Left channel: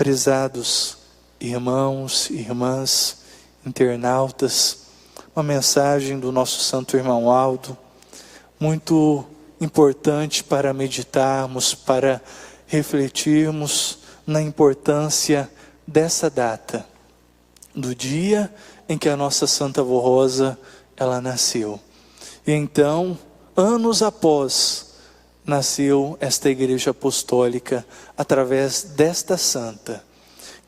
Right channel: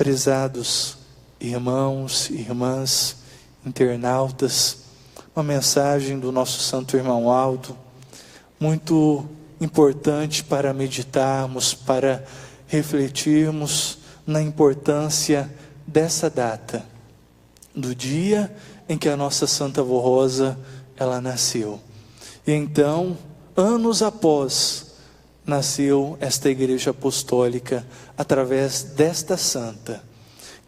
Prezados irmãos e irmãs, internautas, uma mensagem do nosso santo irmão Aldo, muito importante para meditarmos, para refletirmos na importância dessa data, do dia em que a nossa Santa Avó Rosa, ela nasceu. E então, anos após, nasceu esta Igreja Apostólica, através desta santa,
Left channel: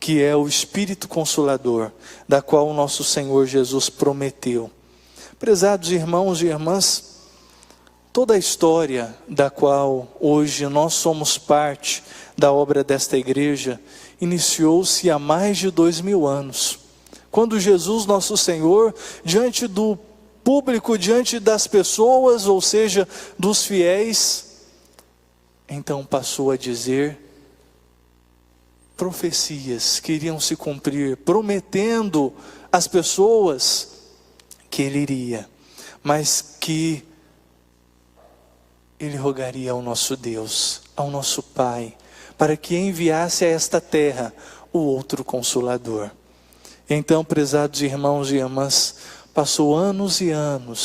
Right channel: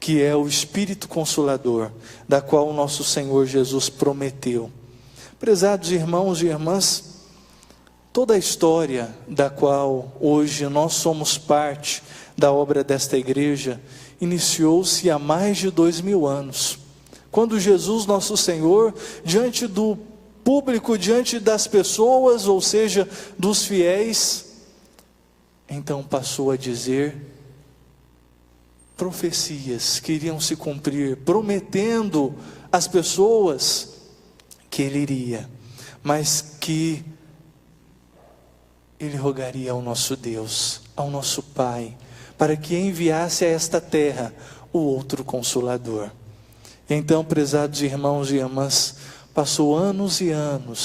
que é o Espírito Consolador, da qual o nosso Senhor Jesus prometeu. Prezados irmãos e irmãs, toda a história da qual hoje nós somos parte da obra desta igreja, iniciou-se há mais de 2000 anos, quando Jesus, nosso Senhor, diante do público, diante das pessoas, ou seja, dos fiéis, então passou a dizer profecias que iriam se cumprir, prometendo às pessoas que Ele iria, mas que Ele rogaria ao nosso Deus, ao nosso Pai, para que enviasse a esta terra o outro Consolador. Então, prezados irmãos e irmãs, passou anos e anos,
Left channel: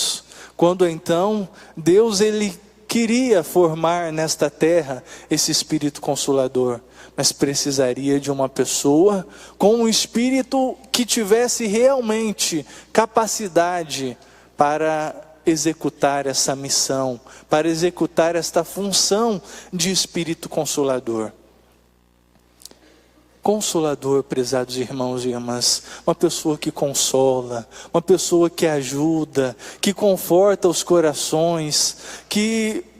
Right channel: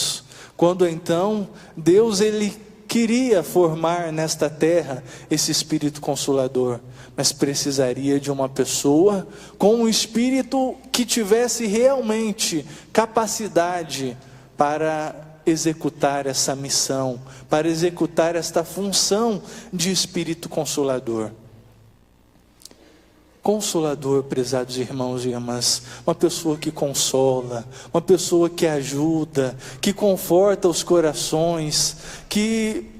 quando então Deus Ele queria formar nesta terra esse Espírito Consolador, mas precisaria de uma pessoa com um espírito que tivesse realmente capacidade para executar essa missão, para executar esta função de Espírito Consolador. Consolador, prezados irmãos e irmãs, uma pessoa que consola, uma pessoa que ajuda, que conforta os corações, que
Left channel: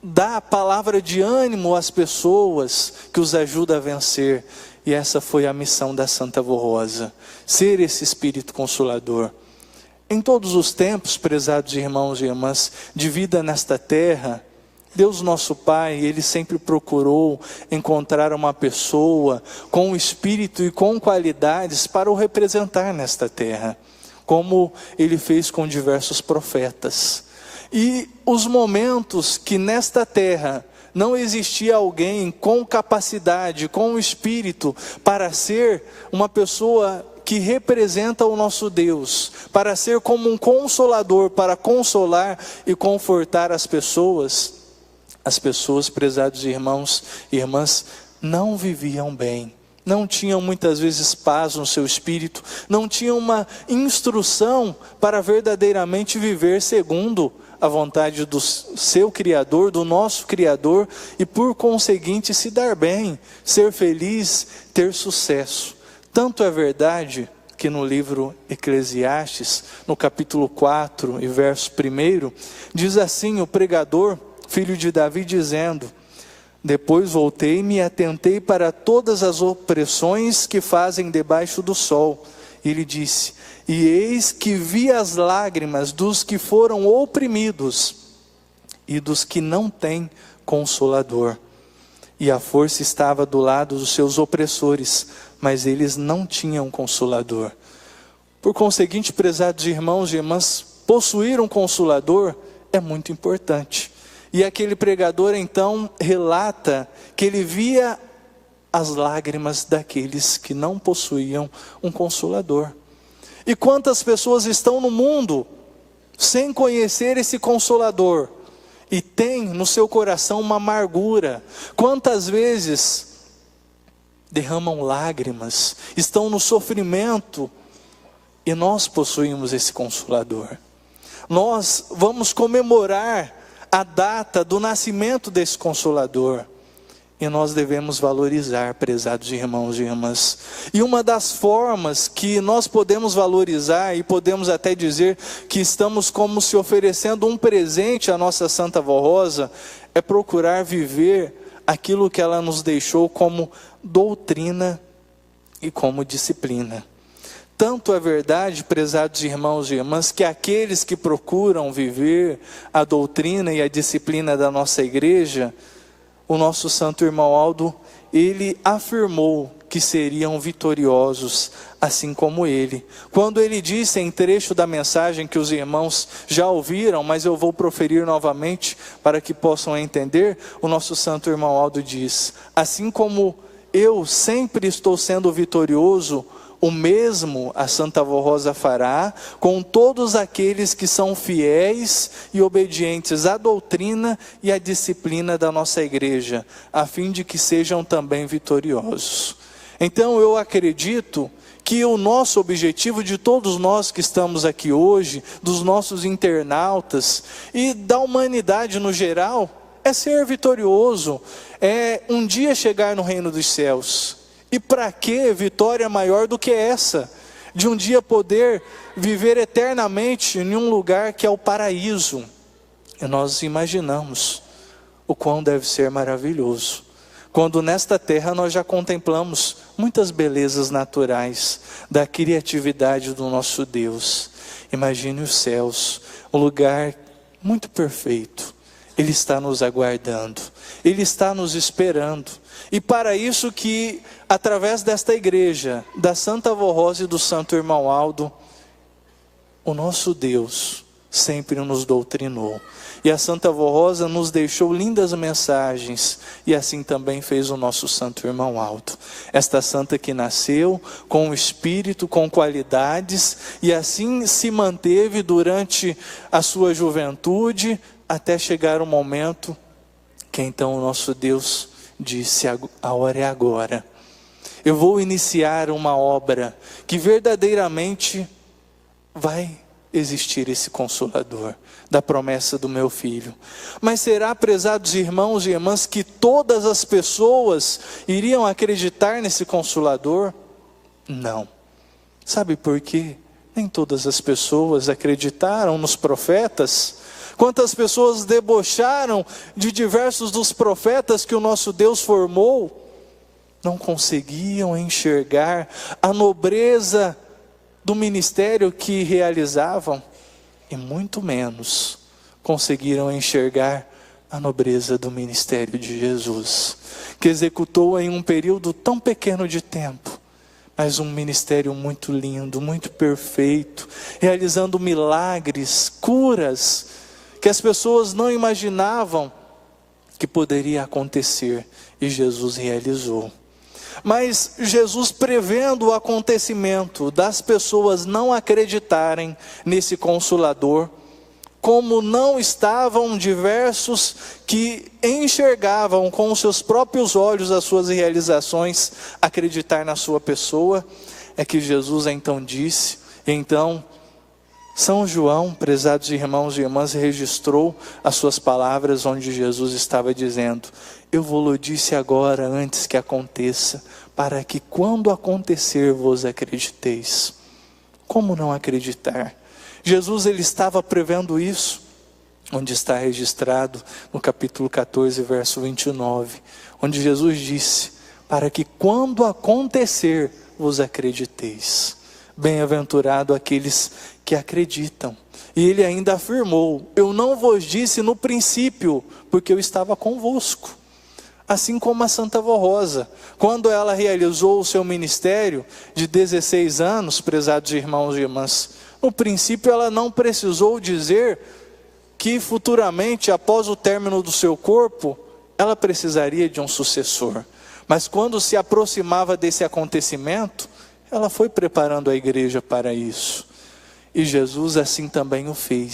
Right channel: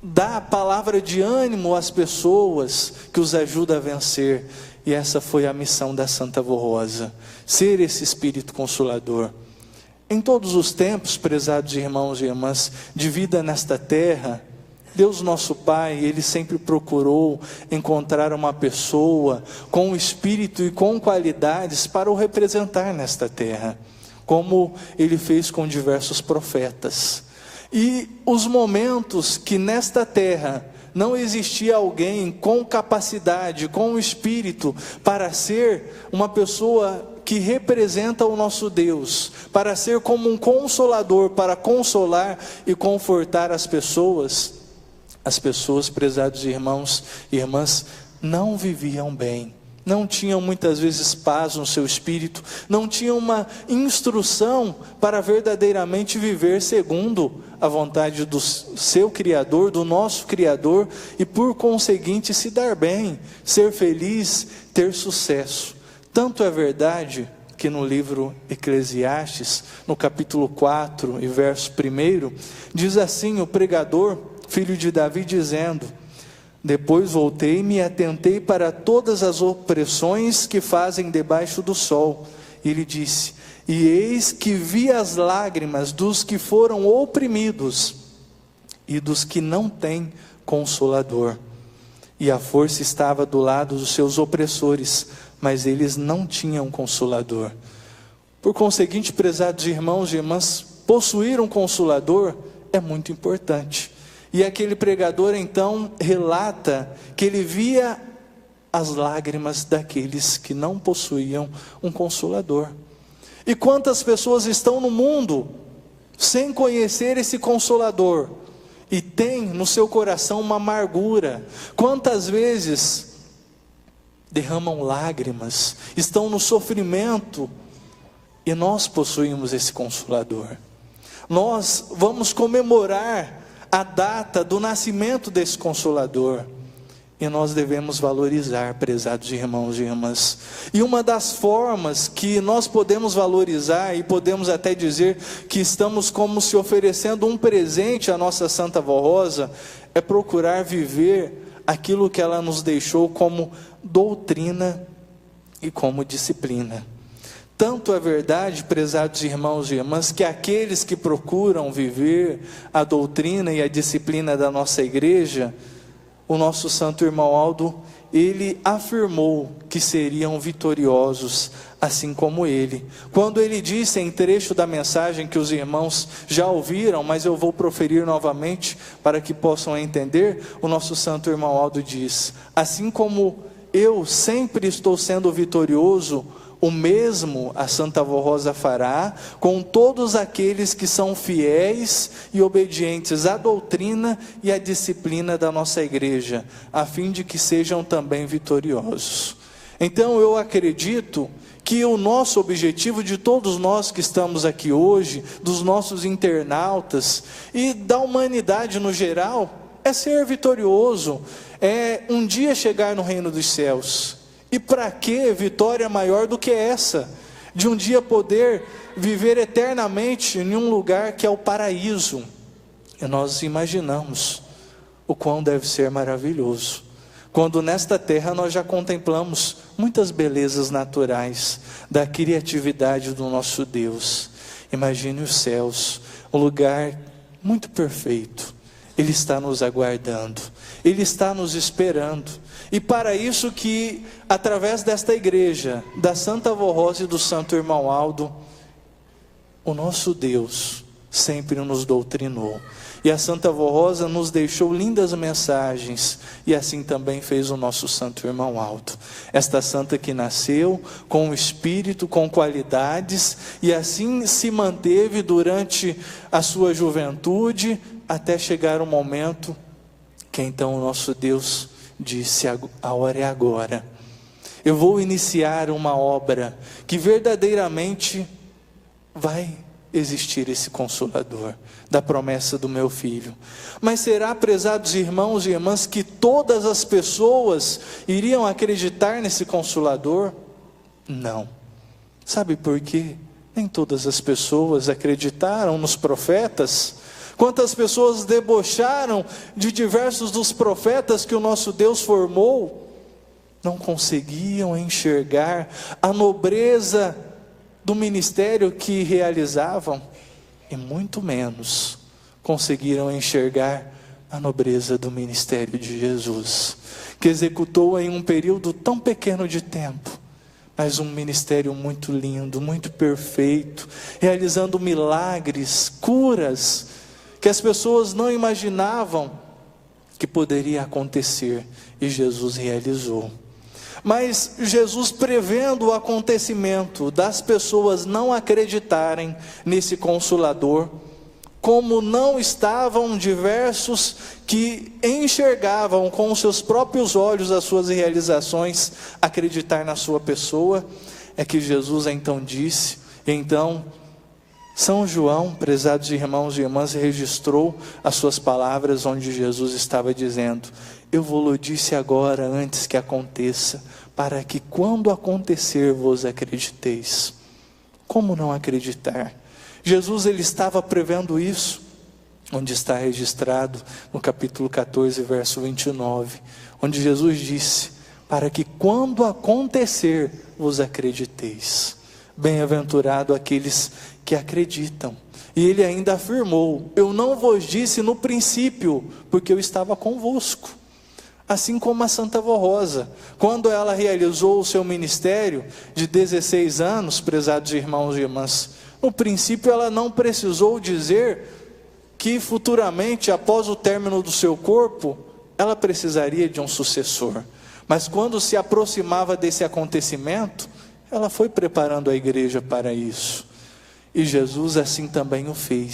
dá a palavra de ânimo às pessoas, que os ajuda a vencer. E essa foi a missão da Santa Avó Rosa, ser esse Espírito Consolador. Em todos os tempos, prezados irmãos e irmãs, de vida nesta terra, Deus nosso Pai, Ele sempre procurou encontrar uma pessoa com espírito e com qualidades para o representar nesta terra, como Ele fez com diversos profetas. E os momentos que nesta terra não existia alguém com capacidade, com espírito, para ser uma pessoa que representa o nosso Deus, para ser como um consolador, para consolar e confortar as pessoas, prezados irmãos e irmãs, não viviam bem, não tinham muitas vezes paz no seu espírito, não tinham uma instrução para verdadeiramente viver segundo a vontade do seu Criador, do nosso Criador, e por conseguinte se dar bem, ser feliz, ter sucesso. Tanto é verdade que no livro Eclesiastes, no capítulo 4 e verso 1, diz assim o pregador, filho de Davi, dizendo: depois voltei-me e atentei para todas as opressões que fazem debaixo do sol. Ele diz: e eis que vi as lágrimas dos que foram oprimidos e dos que não têm consolador. E a força estava do lado dos seus opressores, mas eles não tinham consolador. Por conseguinte, prezados irmãos e irmãs, possuir um consolador é muito importante. E aquele pregador então relata que ele via as lágrimas daqueles que não possuíam um consolador. E quantas pessoas estão no mundo sem conhecer esse Consolador e tem no seu coração uma amargura? Quantas vezes derramam lágrimas, estão no sofrimento, e nós possuímos esse Consolador. Nós vamos comemorar a data do nascimento desse Consolador, e nós devemos valorizar, prezados irmãos e irmãs. E uma das formas que nós podemos valorizar, e podemos até dizer que estamos como se oferecendo um presente à nossa Santa Avó Rosa, é procurar viver aquilo que ela nos deixou como doutrina e como disciplina. Tanto é verdade, prezados irmãos e irmãs, que aqueles que procuram viver a doutrina e a disciplina da nossa igreja, o nosso santo irmão Aldo, ele afirmou que seriam vitoriosos, assim como ele. Quando ele disse em trecho da mensagem que os irmãos já ouviram, mas eu vou proferir novamente para que possam entender, o nosso santo irmão Aldo diz: assim como eu sempre estou sendo vitorioso, o mesmo a Santa Avó Rosa fará com todos aqueles que são fiéis e obedientes à doutrina e à disciplina da nossa igreja, a fim de que sejam também vitoriosos. Então eu acredito que o nosso objetivo, de todos nós que estamos aqui hoje, dos nossos internautas e da humanidade no geral, é ser vitorioso, é um dia chegar no reino dos céus. E para que vitória maior do que essa? De um dia poder viver eternamente em um lugar que é o paraíso. E nós imaginamos o quão deve ser maravilhoso, quando nesta terra nós já contemplamos muitas belezas naturais, da criatividade do nosso Deus. Imagine os céus, um lugar muito perfeito. Ele está nos aguardando, Ele está nos esperando, e para isso que, através desta igreja, da Santa Avó Rosa e do Santo Irmão Aldo, o nosso Deus sempre nos doutrinou, e a Santa Avó Rosa nos deixou lindas mensagens, e assim também fez o nosso Santo Irmão Aldo, esta santa que nasceu com o espírito, com qualidades, e assim se manteve durante a sua juventude, até chegar o momento que então o nosso Deus disse: a hora é agora, eu vou iniciar uma obra que verdadeiramente vai existir esse Consolador, da promessa do meu Filho. Mas será, prezados irmãos e irmãs, que todas as pessoas iriam acreditar nesse Consolador? Não. Sabe por quê? Nem todas as pessoas acreditaram nos profetas. Quantas pessoas debocharam de diversos dos profetas que o nosso Deus formou? Não conseguiam enxergar a nobreza do ministério que realizavam, e muito menos conseguiram enxergar a nobreza do ministério de Jesus, que executou em um período tão pequeno de tempo, mas um ministério muito lindo, muito perfeito, realizando milagres, curas, que as pessoas não imaginavam que poderia acontecer, e Jesus realizou. Mas Jesus, prevendo o acontecimento das pessoas não acreditarem nesse Consolador, como não estavam diversos que enxergavam com os seus próprios olhos as suas realizações, acreditar na sua pessoa, é que Jesus então disse, então São João, prezados irmãos e irmãs, registrou as suas palavras onde Jesus estava dizendo: eu vou-lo disse agora antes que aconteça, para que quando acontecer vos acrediteis. Como não acreditar? Jesus, ele estava prevendo isso, onde está registrado no capítulo 14, verso 29, onde Jesus disse: para que quando acontecer vos acrediteis. Bem-aventurado aqueles que acreditam. E ele ainda afirmou: eu não vos disse no princípio, porque eu estava convosco. Assim como a Santa Avó Rosa, quando ela realizou o seu ministério de 16 anos, prezados irmãos e irmãs, no princípio ela não precisou dizer que futuramente, após o término do seu corpo, ela precisaria de um sucessor. Mas quando se aproximava desse acontecimento, ela foi preparando a igreja para isso. E Jesus assim também o fez,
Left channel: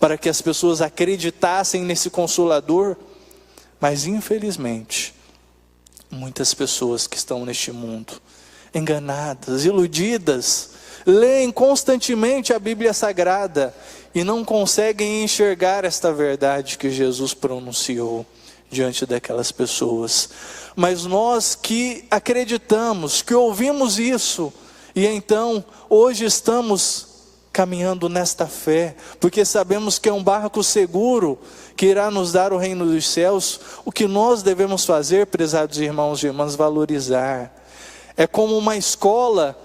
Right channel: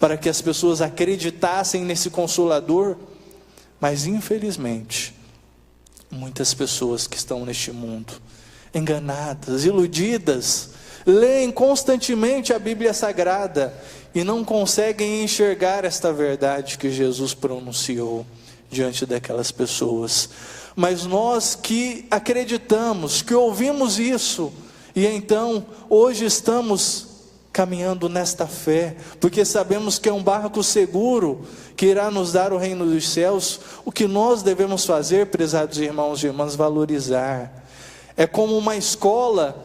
para que as pessoas acreditassem nesse Consolador. Mas infelizmente, muitas pessoas que estão neste mundo, enganadas, iludidas, leem constantemente a Bíblia Sagrada e não conseguem enxergar esta verdade que Jesus pronunciou diante daquelas pessoas. Mas nós que acreditamos, que ouvimos isso, e então hoje estamos caminhando nesta fé, porque sabemos que é um barco seguro que irá nos dar o reino dos céus. O que nós devemos fazer, prezados irmãos e irmãs, valorizar. É como uma escola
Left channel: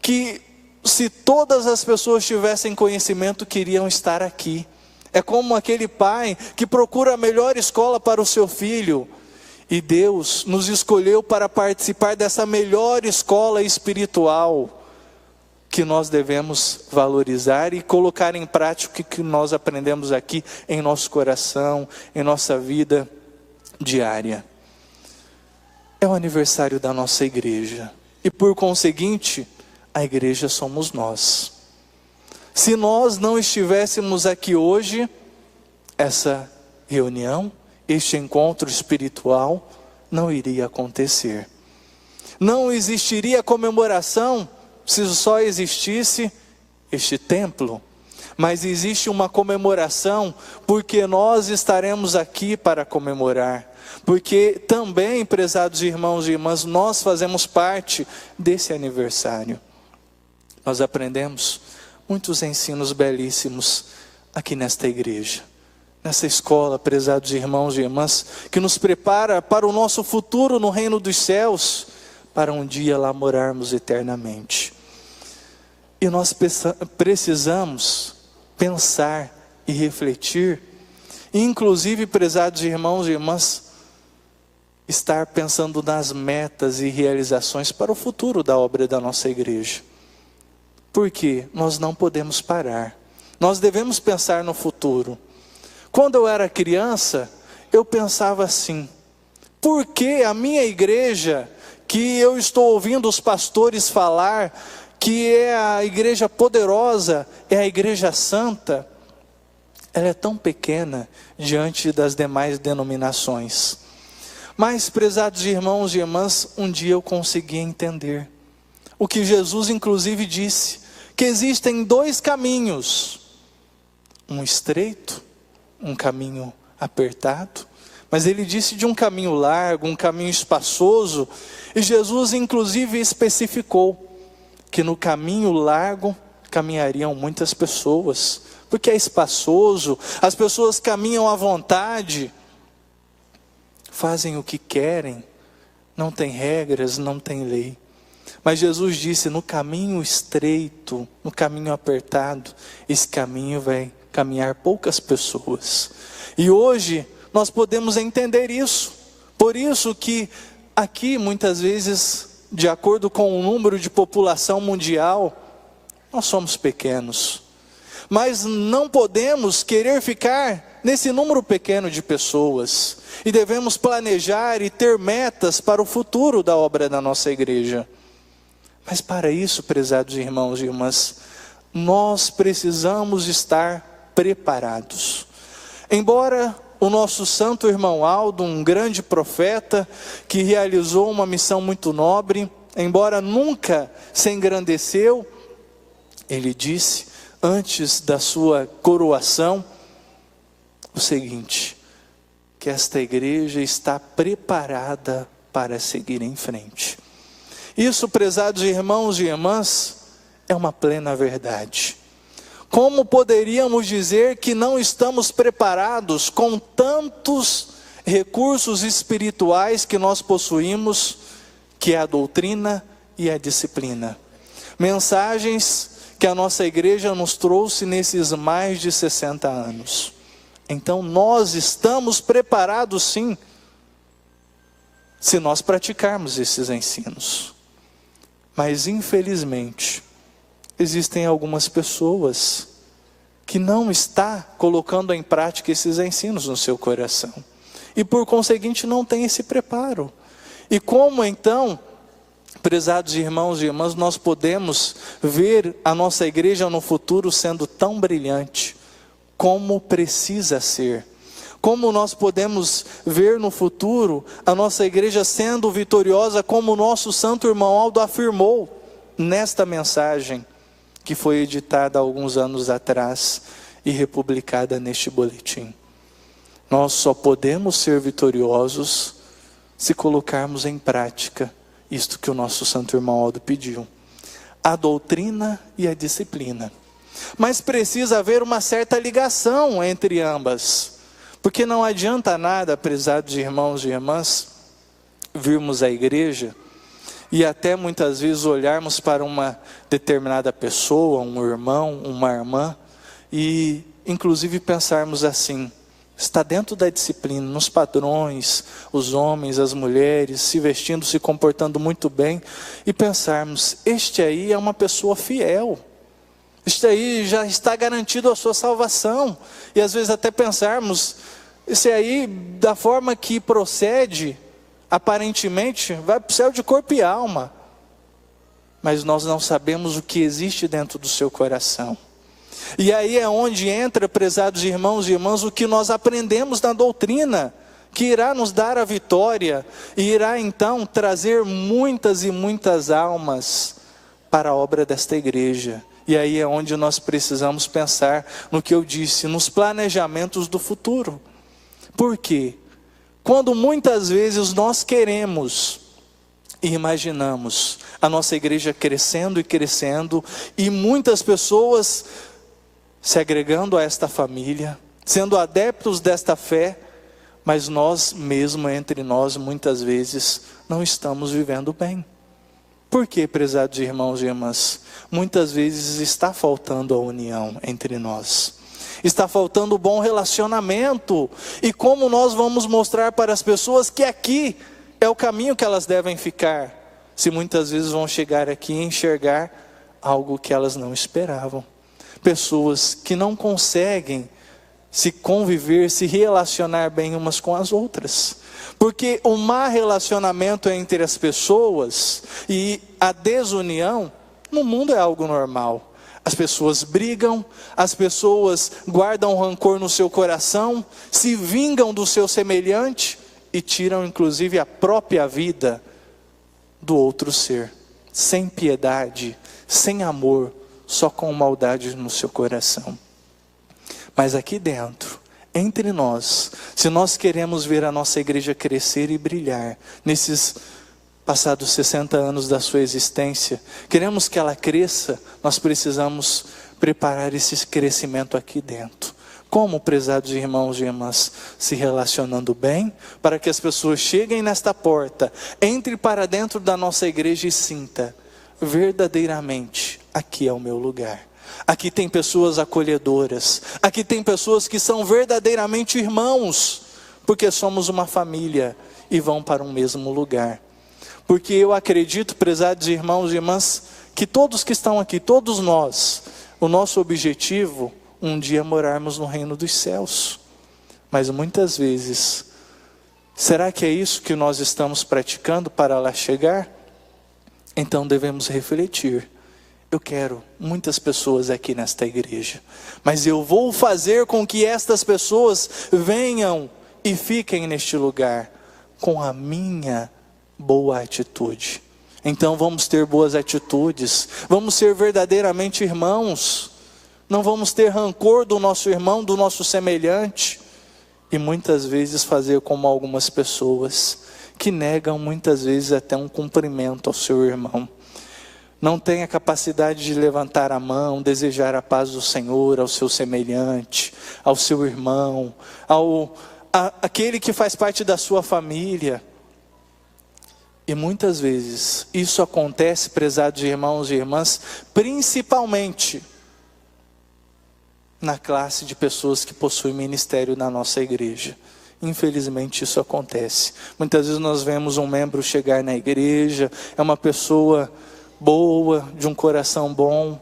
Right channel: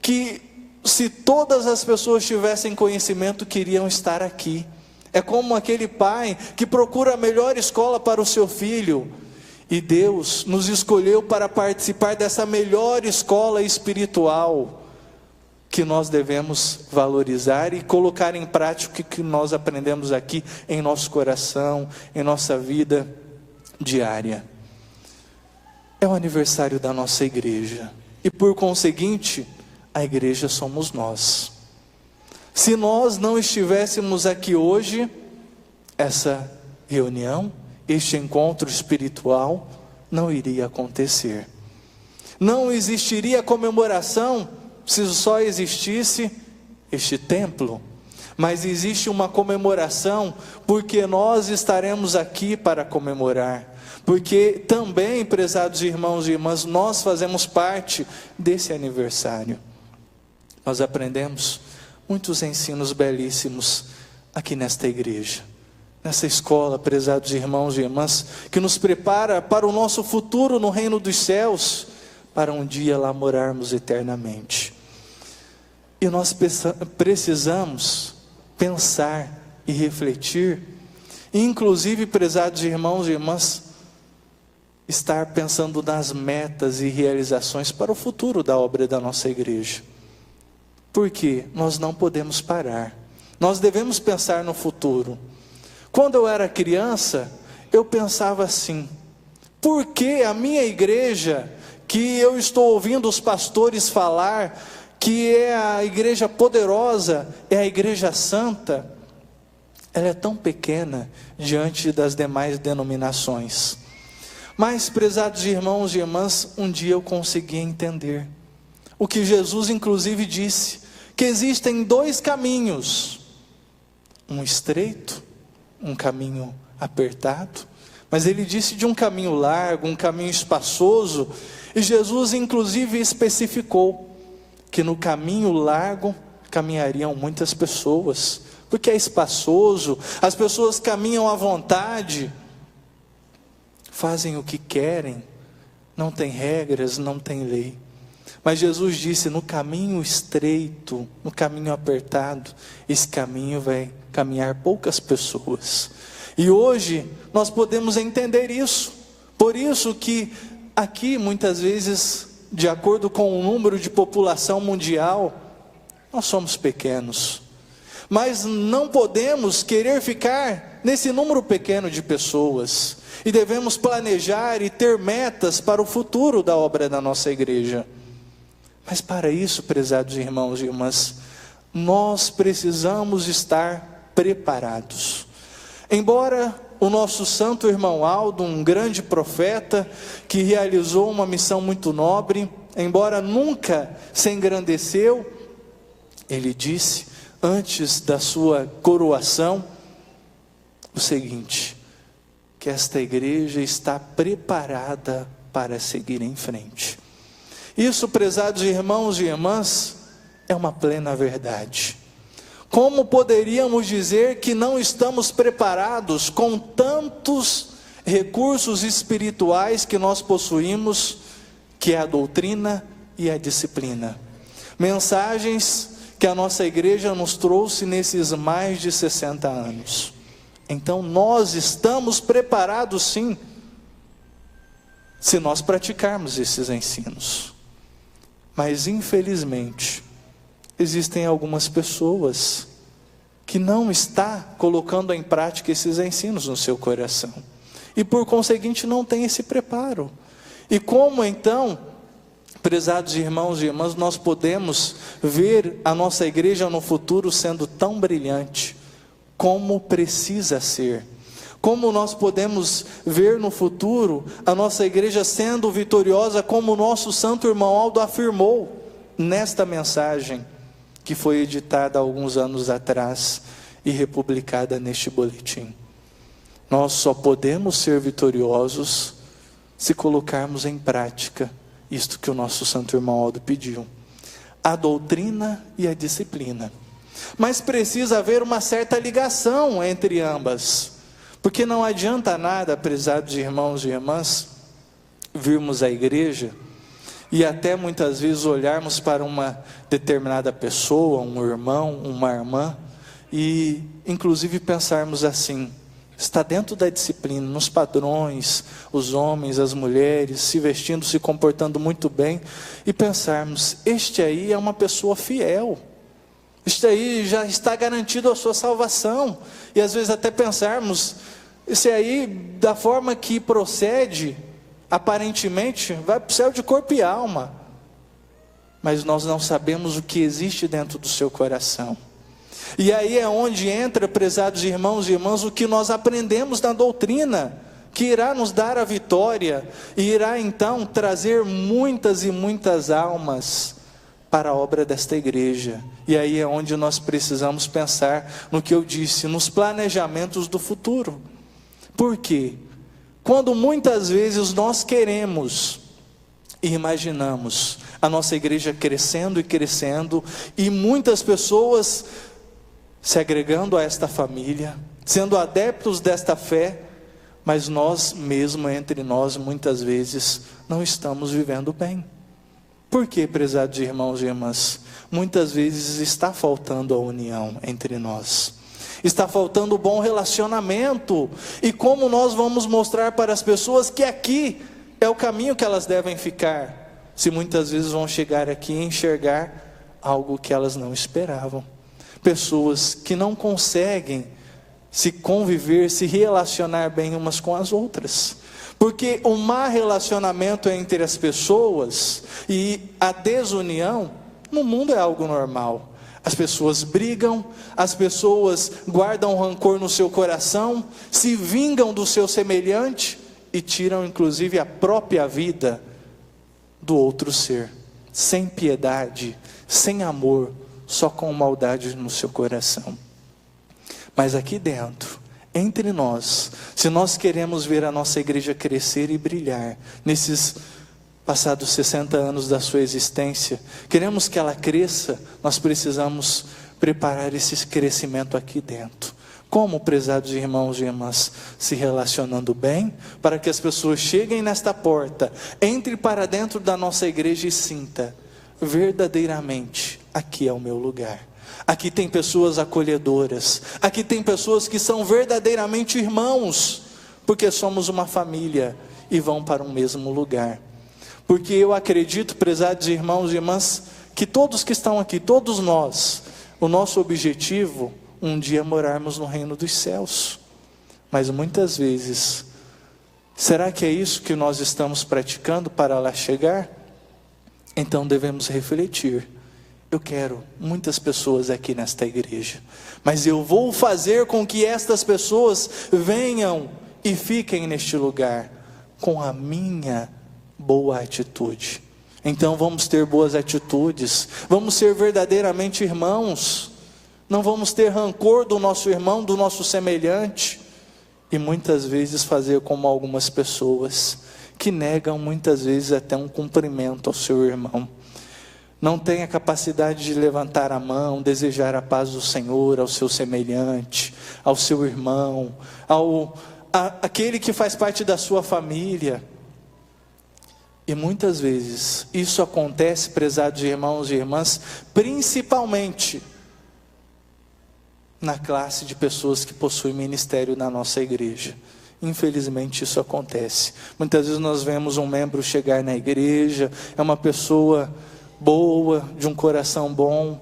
que, se todas as pessoas tivessem conhecimento, queriam estar aqui. É como aquele pai que procura a melhor escola para o seu filho, e Deus nos escolheu para participar dessa melhor escola espiritual, que nós devemos valorizar e colocar em prática o que nós aprendemos aqui em nosso coração, em nossa vida diária. é o aniversário da nossa igreja. E por conseguinte, a igreja somos nós. Se nós não estivéssemos aqui hoje, essa reunião, este encontro espiritual, não iria acontecer. Não existiria comemoração se só existisse este templo. Mas existe uma comemoração porque nós estaremos aqui para comemorar. Porque também, prezados irmãos e irmãs, nós fazemos parte desse aniversário. Nós aprendemos muitos ensinos belíssimos aqui nesta igreja, nessa escola, prezados irmãos e irmãs, que nos prepara para o nosso futuro no reino dos céus, para um dia lá morarmos eternamente. E nós precisamos pensar e refletir, inclusive, prezados irmãos e irmãs, estar pensando nas metas e realizações para o futuro da obra da nossa igreja. Porque nós não podemos parar. Nós devemos pensar no futuro. Quando eu era criança, eu pensava assim: por que a minha igreja, que eu estou ouvindo os pastores falar, que é a igreja poderosa, é a igreja santa, ela é tão pequena diante das demais denominações? Mas, prezados irmãos e irmãs, um dia eu consegui entender o que Jesus inclusive disse, que existem dois caminhos, um estreito, um caminho apertado, mas ele disse de um caminho largo, um caminho espaçoso, e Jesus inclusive especificou que no caminho largo caminhariam muitas pessoas, porque é espaçoso, as pessoas caminham à vontade, fazem o que querem, não tem regras, não tem lei. Mas Jesus disse: no caminho estreito, no caminho apertado, esse caminho vai caminhar poucas pessoas. E hoje nós podemos entender isso. Por isso que aqui muitas vezes, de acordo com o número de população mundial, nós somos pequenos. Mas não podemos querer ficar nesse número pequeno de pessoas. E devemos planejar e ter metas para o futuro da obra da nossa igreja. Mas para isso, prezados irmãos e irmãs, nós precisamos estar preparados. Embora o nosso santo irmão Aldo, um grande profeta, que realizou uma missão muito nobre, embora nunca se engrandeceu, ele disse, antes da sua coroação, o seguinte: que esta igreja está preparada para seguir em frente. Isso, prezados irmãos e irmãs, é uma plena verdade. Como poderíamos dizer que não estamos preparados com tantos recursos espirituais que nós possuímos, que é a doutrina e a disciplina? Mensagens que a nossa igreja nos trouxe nesses mais de 60 anos. Então nós estamos preparados sim, se nós praticarmos esses ensinos. Mas infelizmente, existem algumas pessoas que não estão colocando em prática esses ensinos no seu coração. E por conseguinte não tem esse preparo. E como então, prezados irmãos e irmãs, nós podemos ver a nossa igreja no futuro sendo tão brilhante como precisa ser? Como nós podemos ver no futuro a nossa igreja sendo vitoriosa, como o nosso santo irmão Aldo afirmou nesta mensagem que foi editada há alguns anos atrás e republicada neste boletim? Nós só podemos ser vitoriosos se colocarmos em prática isto que o nosso santo irmão Aldo pediu: a doutrina e a disciplina. Mas precisa haver uma certa ligação entre ambas, porque não adianta nada, prezados irmãos e irmãs, virmos à igreja e até muitas vezes olharmos para uma determinada pessoa, um irmão, uma irmã, e inclusive pensarmos assim: está dentro da disciplina, nos padrões, os homens, as mulheres, se vestindo, se comportando muito bem, e pensarmos: este aí é uma pessoa fiel, isso aí já está garantido a sua salvação. E às vezes até pensarmos: esse aí, da forma que procede, aparentemente vai para o céu de corpo e alma, mas nós não sabemos o que existe dentro do seu coração. E aí é onde entra, prezados irmãos e irmãs, o que nós aprendemos na doutrina, que irá nos dar a vitória, e irá então trazer muitas e muitas almas para a obra desta igreja. E aí é onde nós precisamos pensar no que eu disse, nos planejamentos do futuro. Por quê? Quando muitas vezes nós queremos e imaginamos a nossa igreja crescendo e crescendo, e muitas pessoas se agregando a esta família, sendo adeptos desta fé, mas nós mesmo, entre nós, muitas vezes, não estamos vivendo bem. Por quê, prezados irmãos e irmãs? Muitas vezes está faltando a união entre nós, está faltando o bom relacionamento, e como nós vamos mostrar para as pessoas que aqui é o caminho que elas devem ficar, se muitas vezes vão chegar aqui e enxergar algo que elas não esperavam? Pessoas que não conseguem se conviver, se relacionar bem umas com as outras, porque o mau relacionamento entre as pessoas e a desunião no mundo é algo normal. As pessoas brigam, as pessoas guardam rancor no seu coração, se vingam do seu semelhante e tiram inclusive a própria vida do outro ser, sem piedade, sem amor, só com maldade no seu coração. Mas aqui dentro, entre nós, se nós queremos ver a nossa igreja crescer e brilhar, nesses passados 60 anos da sua existência, queremos que ela cresça, nós precisamos preparar esse crescimento aqui dentro. Como, prezados irmãos e irmãs? Se relacionando bem, para que as pessoas cheguem nesta porta, entrem para dentro da nossa igreja e sintam, verdadeiramente, aqui é o meu lugar. Aqui tem pessoas acolhedoras, aqui tem pessoas que são verdadeiramente irmãos, porque somos uma família e vão para o mesmo lugar. Porque eu acredito, prezados irmãos e irmãs, que todos que estão aqui, todos nós, o nosso objetivo, um dia morarmos no reino dos céus. Mas muitas vezes, será que é isso que nós estamos praticando para lá chegar? Então devemos refletir. Eu quero muitas pessoas aqui nesta igreja, mas eu vou fazer com que estas pessoas venham e fiquem neste lugar com a minha boa atitude. Então vamos ter boas atitudes, vamos ser verdadeiramente irmãos, não vamos ter rancor do nosso irmão, do nosso semelhante, e muitas vezes fazer como algumas pessoas que negam muitas vezes até um cumprimento ao seu irmão. Não tem a capacidade de levantar a mão, desejar a paz do Senhor ao seu semelhante, ao seu irmão, aquele que faz parte da sua família. E muitas vezes isso acontece, prezados irmãos e irmãs, principalmente na classe de pessoas que possuem ministério na nossa igreja. Infelizmente isso acontece. Muitas vezes nós vemos um membro chegar na igreja, é uma pessoa boa, de um coração bom,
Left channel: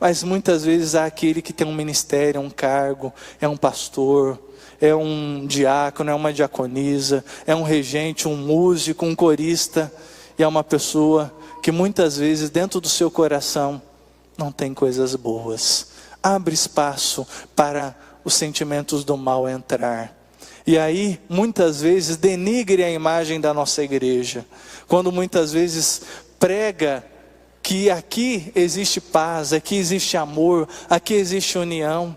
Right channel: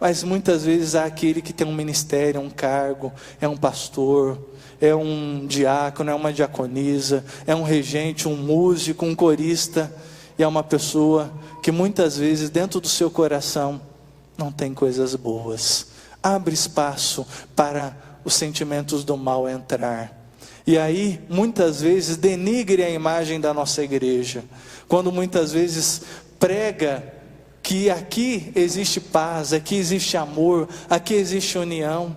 mas muitas vezes há aquele que tem um ministério, um cargo, é um pastor, é um diácono, é uma diaconisa, é um regente, um músico, um corista, e é uma pessoa que muitas vezes dentro do seu coração não tem coisas boas. Abre espaço para os sentimentos do mal entrar, e aí muitas vezes denigre a imagem da nossa igreja, quando muitas vezes prega que aqui existe paz, aqui existe amor, aqui existe união,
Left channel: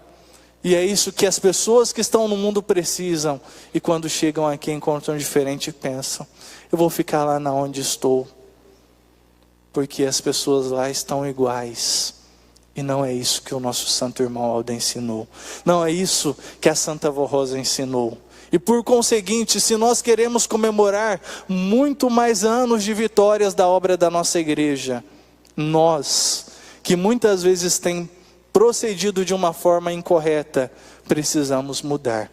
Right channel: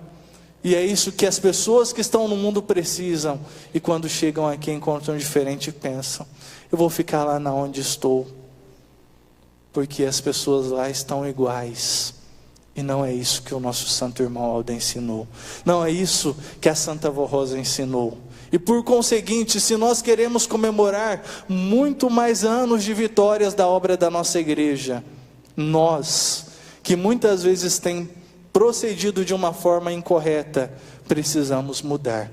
e é isso que as pessoas que estão no mundo precisam, e quando chegam aqui encontram diferente e pensam, eu vou ficar lá na onde estou, porque as pessoas lá estão iguais, e não é isso que o nosso santo irmão Aldo ensinou, não é isso que a Santa Vó Rosa ensinou. E por conseguinte, se nós queremos comemorar muito mais anos de vitórias da obra da nossa igreja, nós, que muitas vezes tem procedido de uma forma incorreta, precisamos mudar.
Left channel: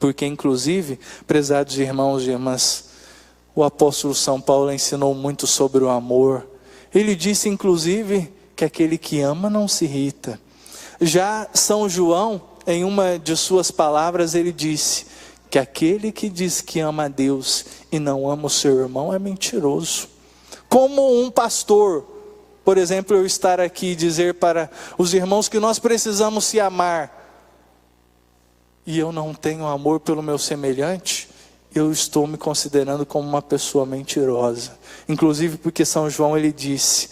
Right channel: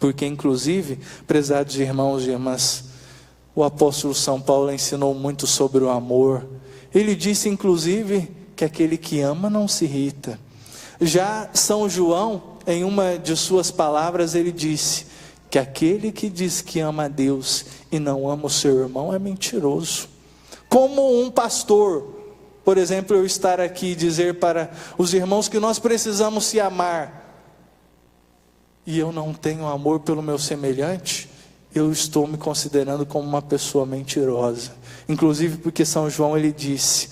Porque inclusive, prezados irmãos e irmãs, o apóstolo São Paulo ensinou muito sobre o amor. Ele disse inclusive que aquele que ama não se irrita. Já São João, em uma de suas palavras, ele disse que aquele que diz que ama a Deus e e não ama o seu irmão é mentiroso. Como um pastor, por exemplo, eu estar aqui e dizer para os irmãos que nós precisamos se amar, e eu não tenho amor pelo meu semelhante, eu estou me considerando como uma pessoa mentirosa. Inclusive porque São João ele disse:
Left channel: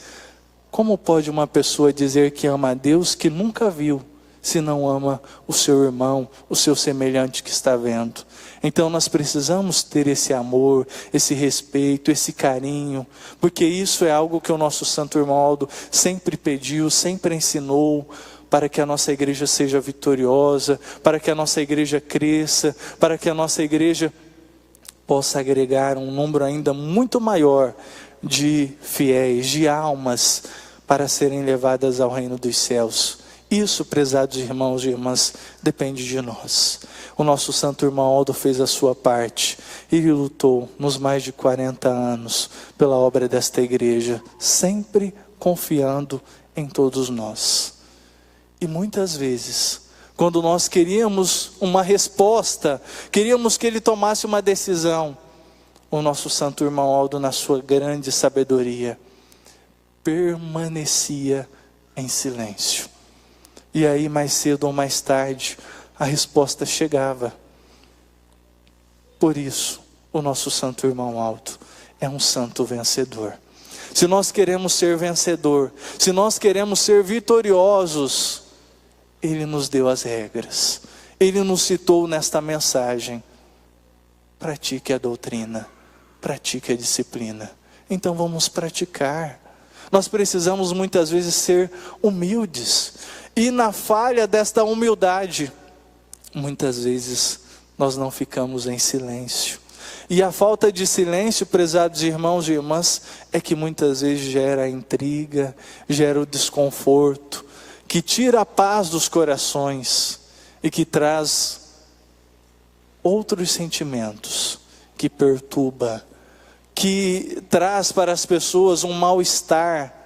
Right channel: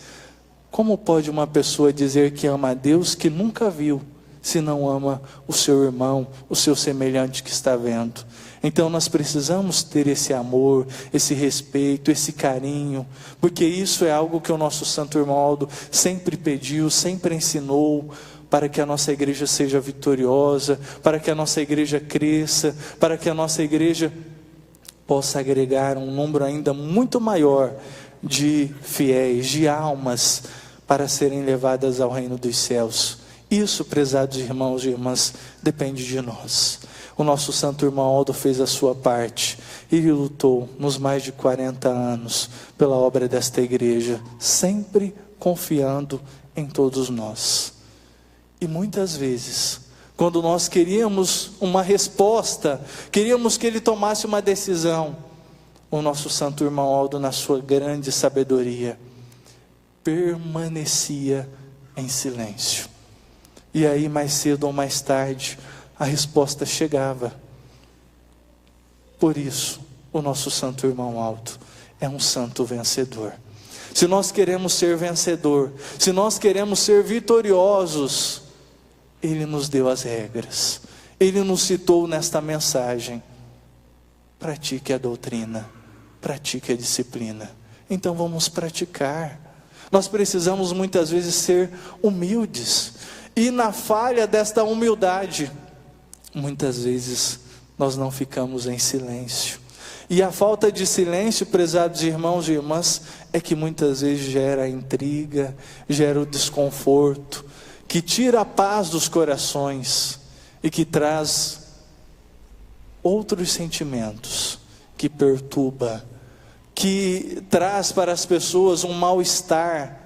como pode uma pessoa dizer que ama a Deus que nunca viu, se não ama o seu irmão, o seu semelhante que está vendo? Então nós precisamos ter esse amor, esse respeito, esse carinho, porque isso é algo que o nosso Santo Irmão Aldo sempre pediu, sempre ensinou, para que a nossa igreja seja vitoriosa, para que a nossa igreja cresça, para que a nossa igreja possa agregar um número ainda muito maior de fiéis, de almas, para serem levadas ao reino dos céus. Isso, prezados irmãos e irmãs, depende de nós. O nosso Santo Irmão Aldo fez a sua parte, e lutou nos mais de 40 anos, pela obra desta igreja, sempre confiando em todos nós. E muitas vezes, quando nós queríamos uma resposta, queríamos que ele tomasse uma decisão, o nosso Santo Irmão Aldo, na sua grande sabedoria, permanecia em silêncio. E aí, mais cedo ou mais tarde, a resposta chegava. Por isso, o nosso Santo Irmão Aldo é um santo vencedor. Se nós queremos ser vencedor, se nós queremos ser vitoriosos, ele nos deu as regras, ele nos citou nesta mensagem: pratique a doutrina, pratique a disciplina. Então vamos praticar. Nós precisamos muitas vezes ser humildes, e na falha desta humildade, muitas vezes nós não ficamos em silêncio. E a falta de silêncio, prezados irmãos e irmãs, é que muitas vezes gera intriga, gera o desconforto, que tira a paz dos corações e que traz outros sentimentos, que perturba, que traz para as pessoas um mal-estar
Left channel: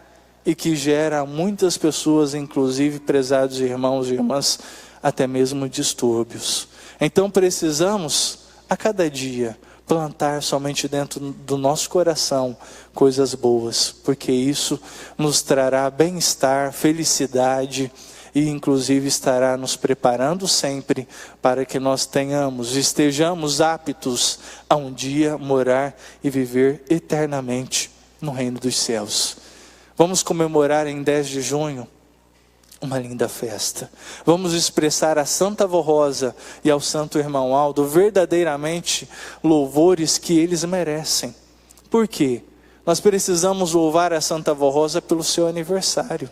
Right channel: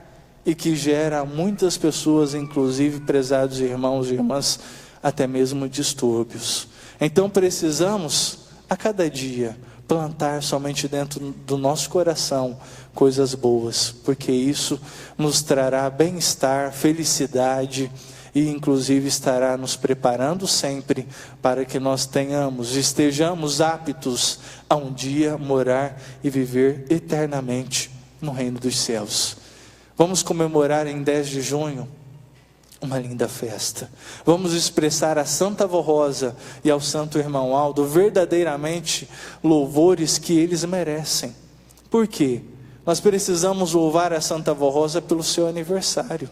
e que gera muitas pessoas, inclusive, prezados irmãos e irmãs, até mesmo distúrbios. Então precisamos, a cada dia, plantar somente dentro do nosso coração coisas boas, porque isso nos trará bem-estar, felicidade e inclusive estará nos preparando sempre para que nós estejamos aptos a um dia morar e viver eternamente no reino dos céus. Vamos comemorar em 10 de junho uma linda festa. Vamos expressar a Santa Avó Rosa e ao Santo Irmão Aldo verdadeiramente louvores que eles merecem. Por quê? Nós precisamos louvar a Santa Avó Rosa pelo seu aniversário.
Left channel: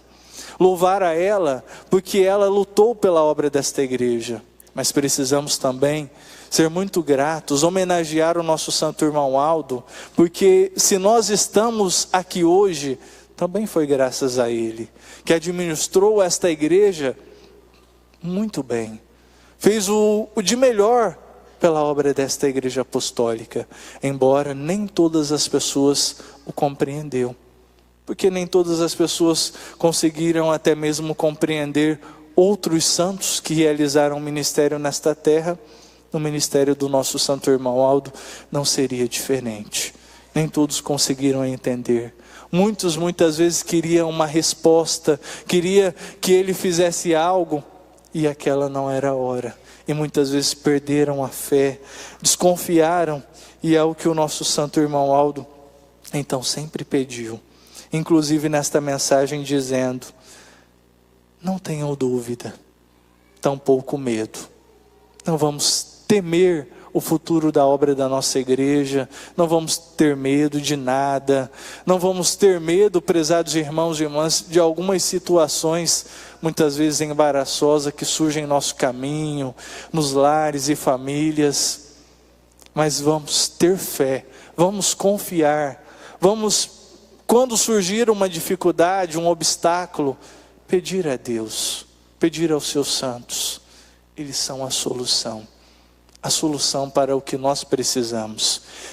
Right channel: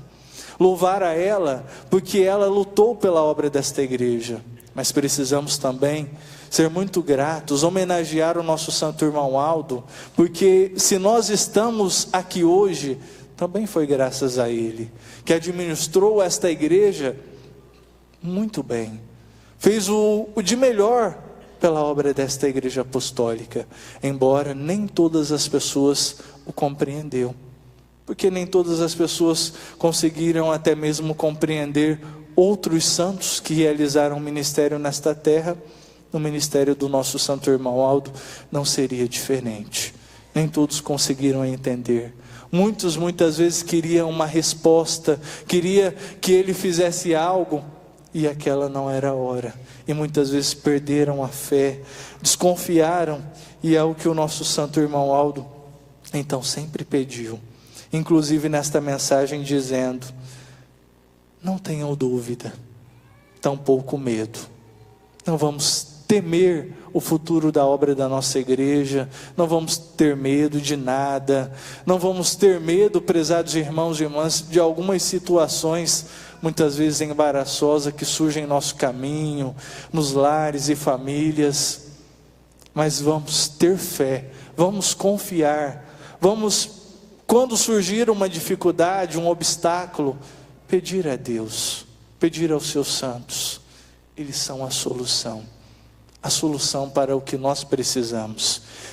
Louvar a ela porque ela lutou pela obra desta igreja. Mas precisamos também ser muito gratos, homenagear o nosso Santo Irmão Aldo, porque se nós estamos aqui hoje, também foi graças a ele, que administrou esta igreja muito bem, fez o de melhor pela obra desta igreja apostólica, embora nem todas as pessoas o compreenderam, porque nem todas as pessoas conseguiram até mesmo compreender outros santos que realizaram ministério nesta terra. No ministério do nosso Santo Irmão Aldo não seria diferente, nem todos conseguiram entender. Muitas vezes queriam uma resposta, queria que ele fizesse algo, e aquela não era a hora, e muitas vezes perderam a fé, desconfiaram, e é o que o nosso Santo Irmão Aldo então sempre pediu, inclusive nesta mensagem dizendo: não tenham dúvida, tampouco medo, não vamos temer o futuro da obra da nossa igreja, não vamos ter medo de nada, não vamos ter medo, prezados irmãos e irmãs, de algumas situações, muitas vezes embaraçosas, que surgem em nosso caminho, nos lares e famílias, mas vamos ter fé, vamos confiar, vamos, quando surgir uma dificuldade, um obstáculo, pedir a Deus, pedir aos seus santos, eles são a solução para o que nós precisamos.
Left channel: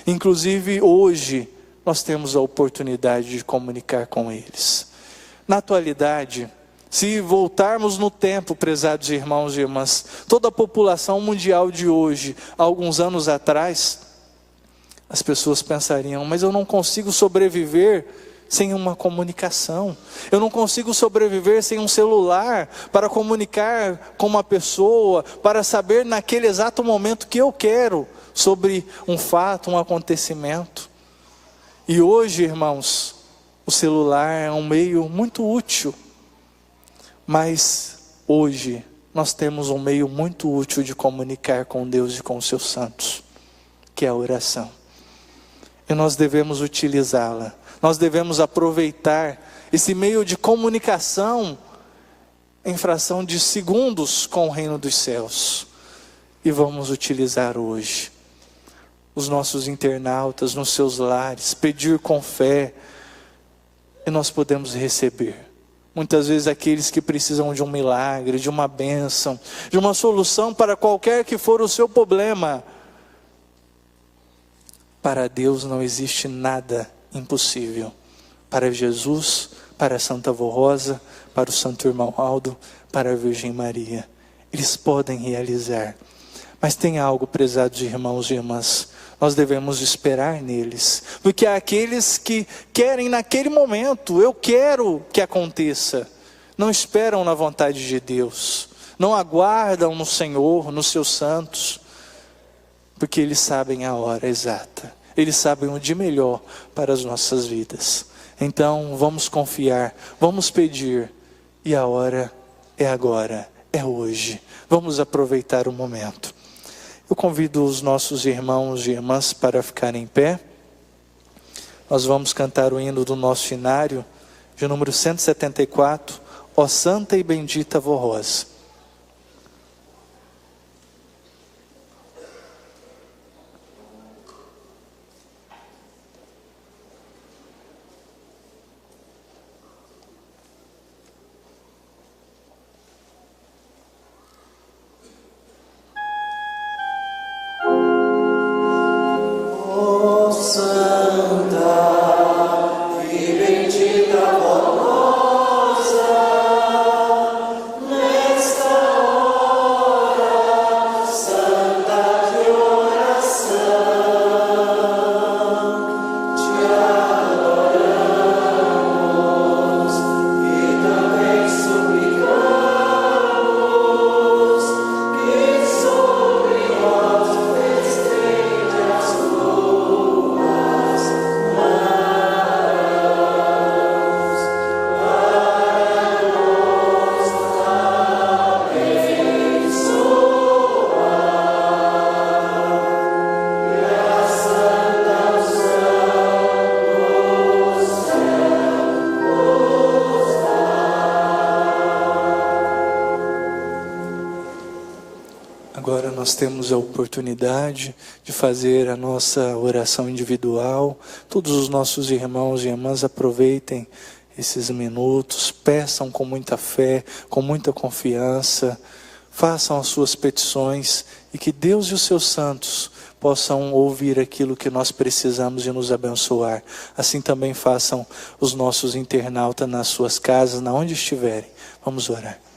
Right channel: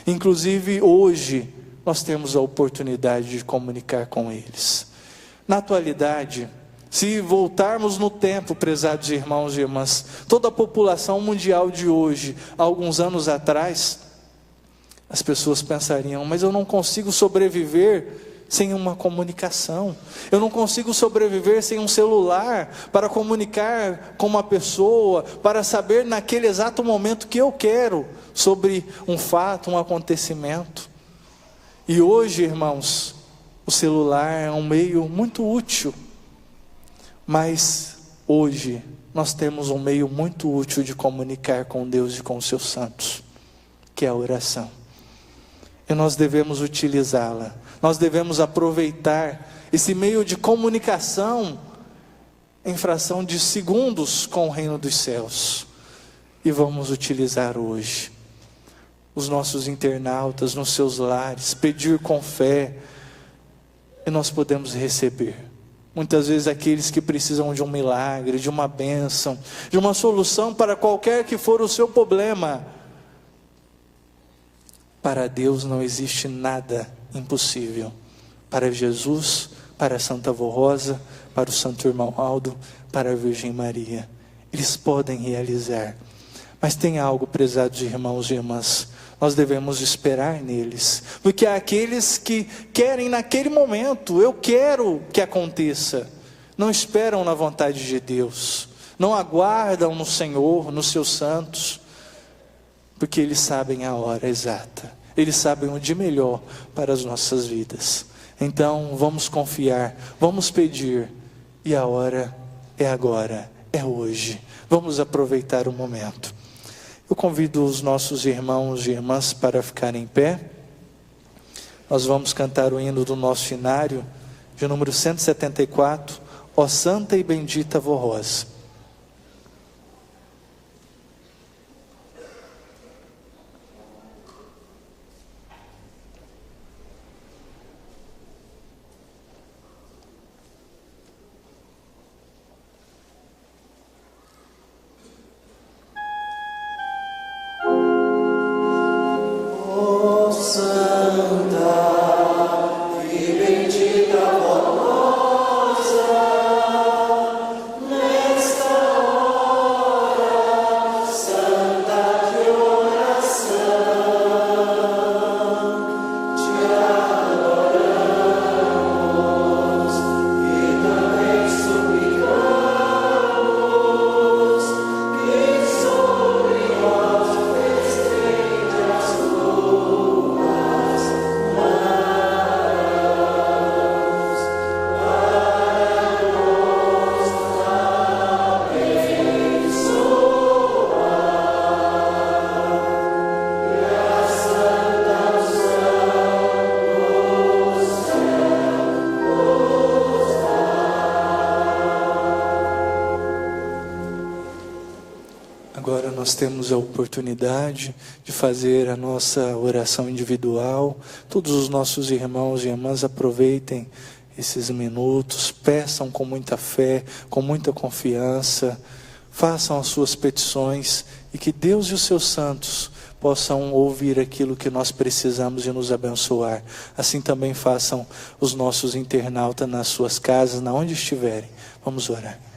Inclusive hoje nós temos a oportunidade de comunicar com eles. Na atualidade, se voltarmos no tempo, prezados irmãos e irmãs, toda a população mundial de hoje, há alguns anos atrás, As pessoas pensariam: mas eu não consigo sobreviver sem uma comunicação. Eu não consigo sobreviver sem um celular para comunicar com uma pessoa, para saber naquele exato momento que eu quero sobre um fato, um acontecimento. E hoje, irmãos, o celular é um meio muito útil, mas hoje nós temos um meio muito útil de comunicar com Deus e com os seus santos, que é a oração. E nós devemos utilizá-la, nós devemos aproveitar esse meio de comunicação em fração de segundos com o reino dos céus. E vamos utilizar hoje. Os nossos internautas nos seus lares, pedir com fé, e nós podemos receber. Muitas vezes aqueles que precisam de um milagre, de uma bênção, de uma solução para qualquer que for o seu problema. Para Deus não existe nada impossível. Para Jesus, para a Santa Avó Rosa, para o Santo Irmão Aldo, para a Virgem Maria. Eles podem realizar. Mas tem algo, prezados irmãos e irmãs, nós devemos esperar neles, porque há aqueles que querem naquele momento, eu quero que aconteça, não esperam na vontade de Deus, não aguardam no Senhor, nos seus santos, porque eles sabem a hora exata, eles sabem o de melhor para as nossas vidas. Então vamos confiar, vamos pedir, e a hora é agora, é hoje, vamos aproveitar o momento. Eu convido os nossos irmãos e irmãs para ficarem em pé. Nós vamos cantar o hino do nosso inário, de número 174, Ó Santa e Bendita Avó Rosa. Agora nós temos a oportunidade de fazer a nossa oração individual. Todos os nossos irmãos e irmãs aproveitem esses minutos, peçam com muita fé, com muita confiança, façam as suas petições e que Deus e os seus santos possam ouvir aquilo que nós precisamos e nos abençoar. Assim também façam os nossos internautas nas suas casas, na onde estiverem. Vamos orar.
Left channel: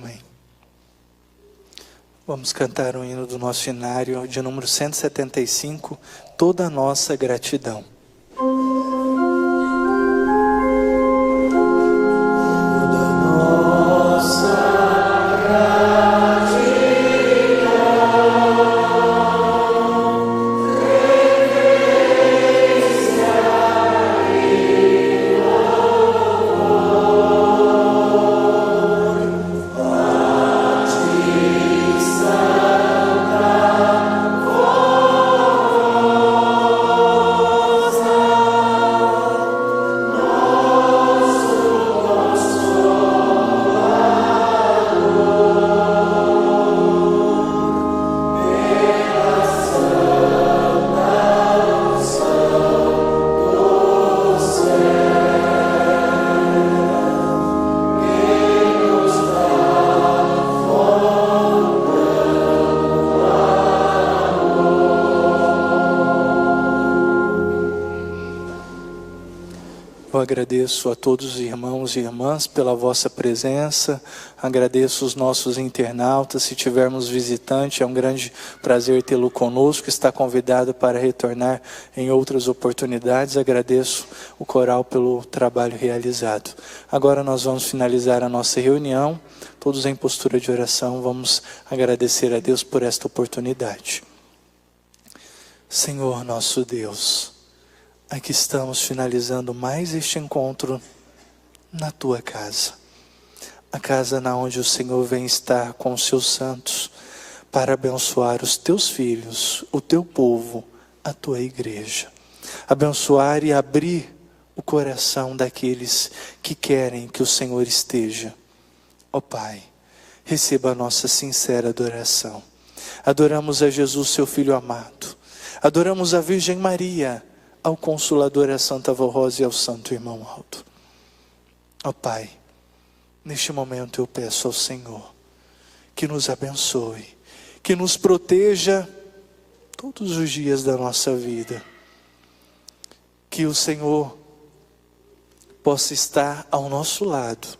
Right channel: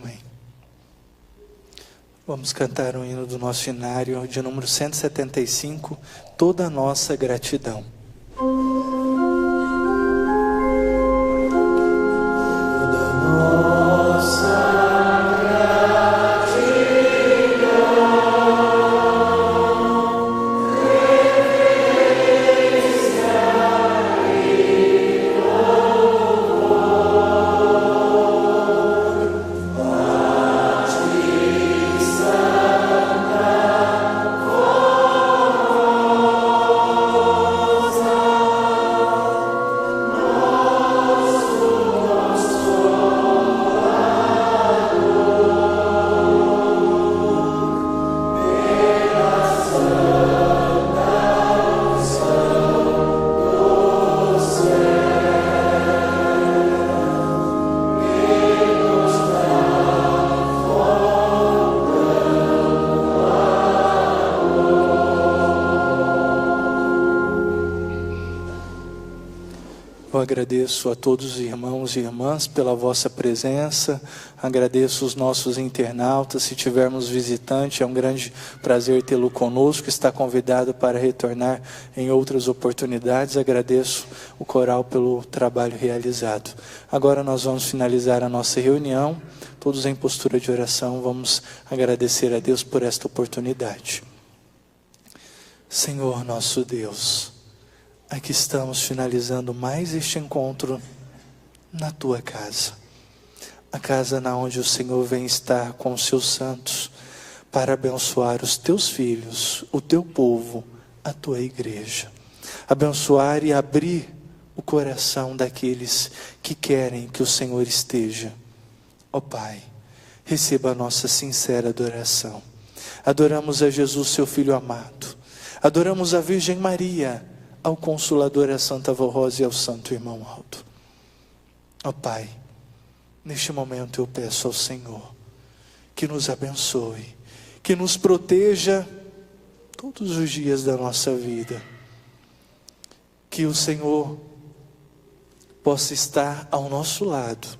Amém. Vamos cantar o hino do nosso inário de número 175, Toda a Nossa Gratidão. Eu agradeço a todos os irmãos e irmãs pela vossa presença, agradeço os nossos internautas, se tivermos visitante, é um grande prazer tê-lo conosco, está convidado para retornar em outras oportunidades, agradeço o coral pelo trabalho realizado. Agora nós vamos finalizar a nossa reunião, todos em postura de oração, vamos agradecer a Deus por esta oportunidade. Senhor nosso Deus, aqui estamos finalizando mais este encontro na Tua casa. A casa na onde o Senhor vem estar com os Seus santos para abençoar os Teus filhos, o Teu povo, a Tua igreja. Abençoar e abrir o coração daqueles que querem que o Senhor esteja. Ó Pai, receba a nossa sincera adoração. Adoramos a Jesus, Seu Filho amado. Adoramos a Virgem Maria, ao Consolador, a Santa Avó Rosa e ao Santo Irmão Alto. Ó Pai, neste momento eu peço ao Senhor que nos abençoe, que nos proteja todos os dias da nossa vida, que o Senhor possa estar ao nosso lado,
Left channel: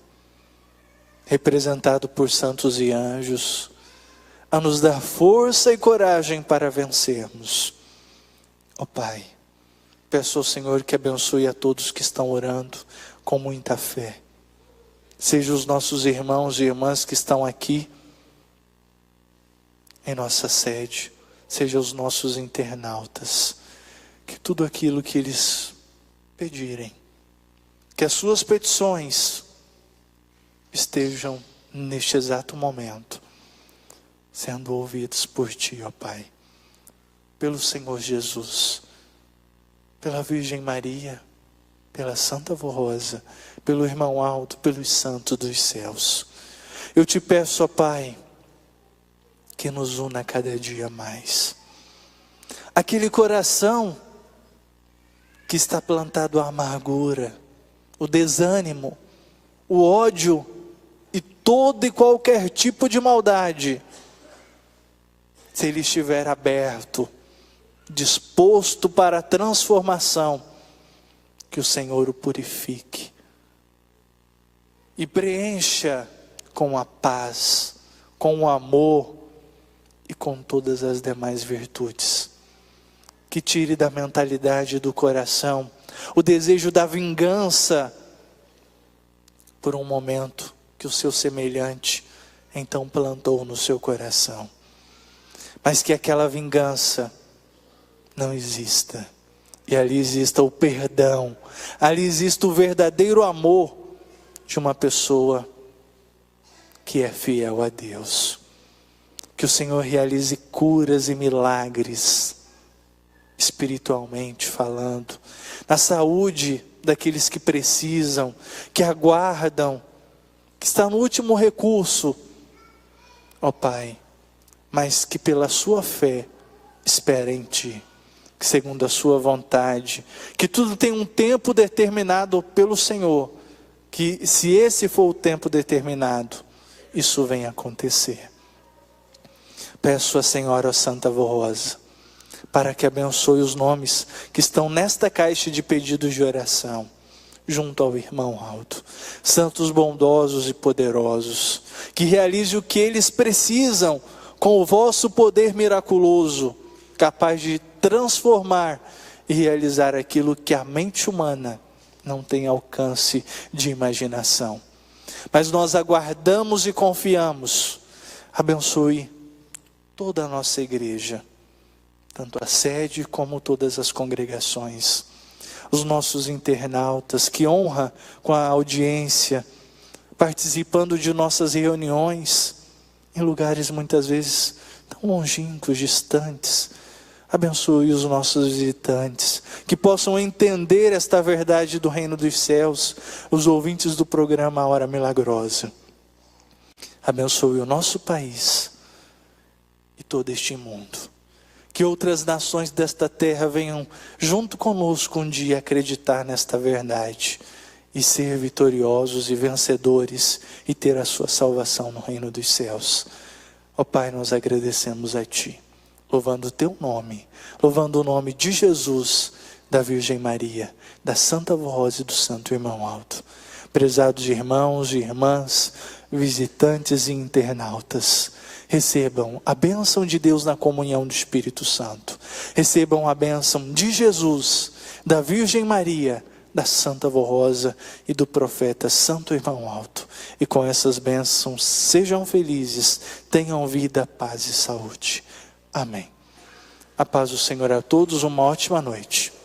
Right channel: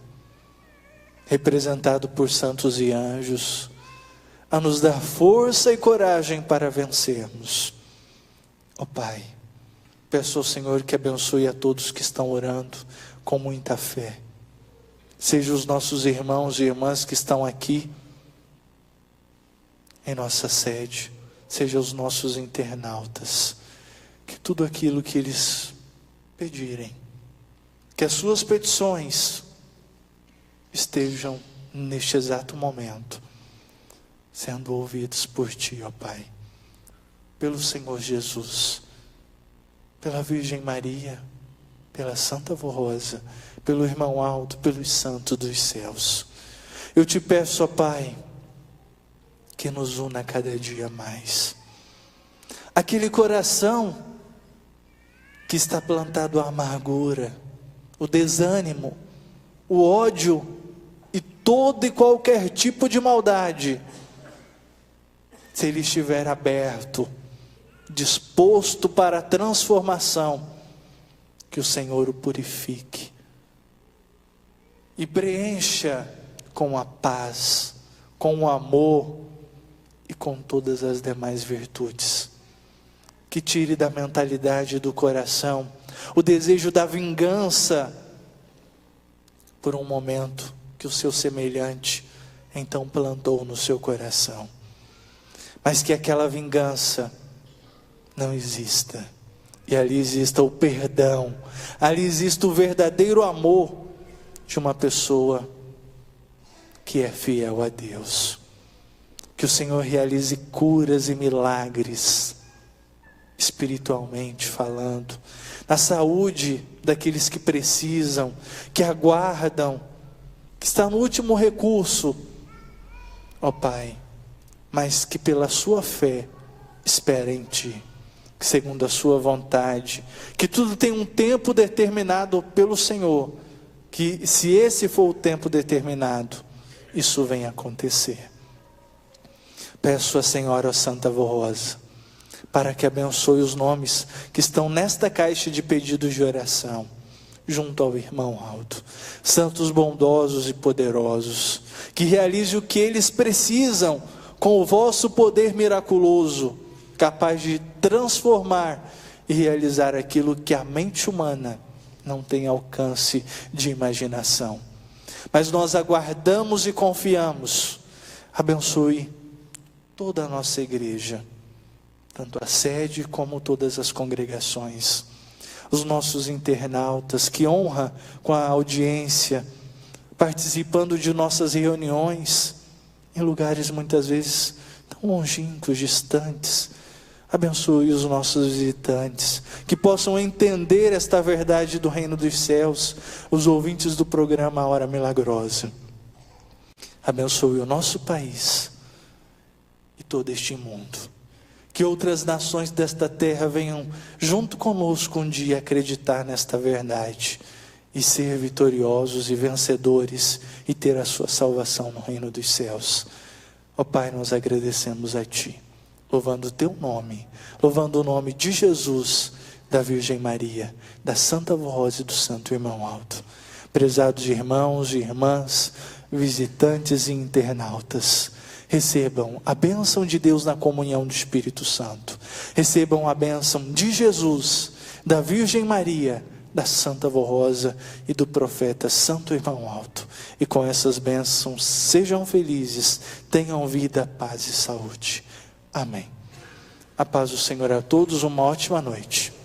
representado por santos e anjos, a nos dar força e coragem para vencermos. Ó Pai, peço ao Senhor que abençoe a todos que estão orando com muita fé. Seja os nossos irmãos e irmãs que estão aqui em nossa sede, seja os nossos internautas, que tudo aquilo que eles pedirem, que as suas petições estejam neste exato momento sendo ouvidos por Ti, ó Pai, pelo Senhor Jesus, pela Virgem Maria, pela Santa Avó Rosa, pelo Irmão Alto, pelos santos dos céus. Eu Te peço, ó Pai, que nos una cada dia mais. Aquele coração que está plantado a amargura, o desânimo, o ódio e todo e qualquer tipo de maldade, se ele estiver aberto, disposto para a transformação, que o Senhor o purifique e preencha com a paz, com o amor e com todas as demais virtudes. Que tire da mentalidade do coração o desejo da vingança por um momento que o seu semelhante então plantou no seu coração, mas que aquela vingança não exista, e ali exista o perdão, ali exista o verdadeiro amor de uma pessoa que é fiel a Deus. Que o Senhor realize curas e milagres, espiritualmente falando, na saúde daqueles que precisam, que aguardam, que está no último recurso, ó Pai, mas que pela sua fé espera em Ti, que segundo a sua vontade, que tudo tem um tempo determinado pelo Senhor, que se esse for o tempo determinado, isso venha acontecer. Peço à Senhora Santa Avó Rosa, para que abençoe os nomes que estão nesta caixa de pedidos de oração, junto ao Irmão Alto, santos bondosos e poderosos, que realize o que eles precisam com o vosso poder miraculoso, capaz de transformar e realizar aquilo que a mente humana não tem alcance de imaginação. Mas nós aguardamos e confiamos. Abençoe toda a nossa igreja, tanto a sede como todas as congregações, os nossos internautas, que honra com a audiência, participando de nossas reuniões, em lugares muitas vezes tão longínquos, distantes. Abençoe os nossos visitantes, que possam entender esta verdade do reino dos céus, os ouvintes do programa Hora Milagrosa. Abençoe o nosso país e todo este mundo. Que outras nações desta terra venham junto conosco um dia acreditar nesta verdade e ser vitoriosos e vencedores e ter a sua salvação no reino dos céus. Ó Pai, nós agradecemos a Ti, louvando o Teu nome, louvando o nome de Jesus, da Virgem Maria, da Santa Voz e do Santo Irmão Alto. Prezados irmãos e irmãs, visitantes e internautas, recebam a bênção de Deus na comunhão do Espírito Santo. Recebam a bênção de Jesus, da Virgem Maria, da Santa Rosa e do profeta Santo Irmão Alto. E com essas bênçãos, sejam felizes, tenham vida, paz e saúde. Amém. A paz do Senhor a todos, uma ótima noite.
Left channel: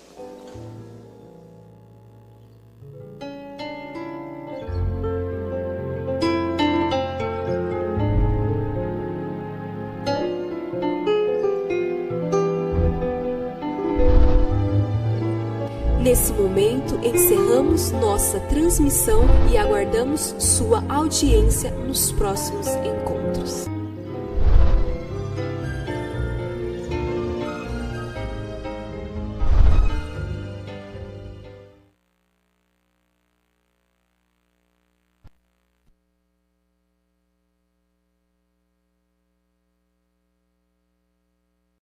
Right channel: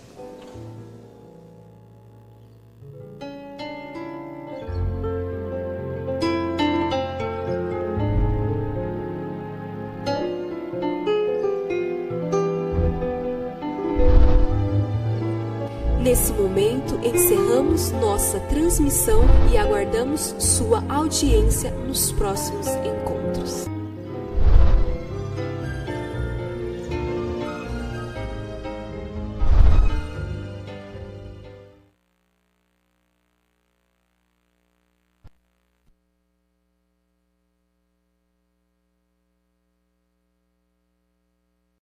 Nesse momento, encerramos nossa transmissão e aguardamos sua audiência nos próximos encontros.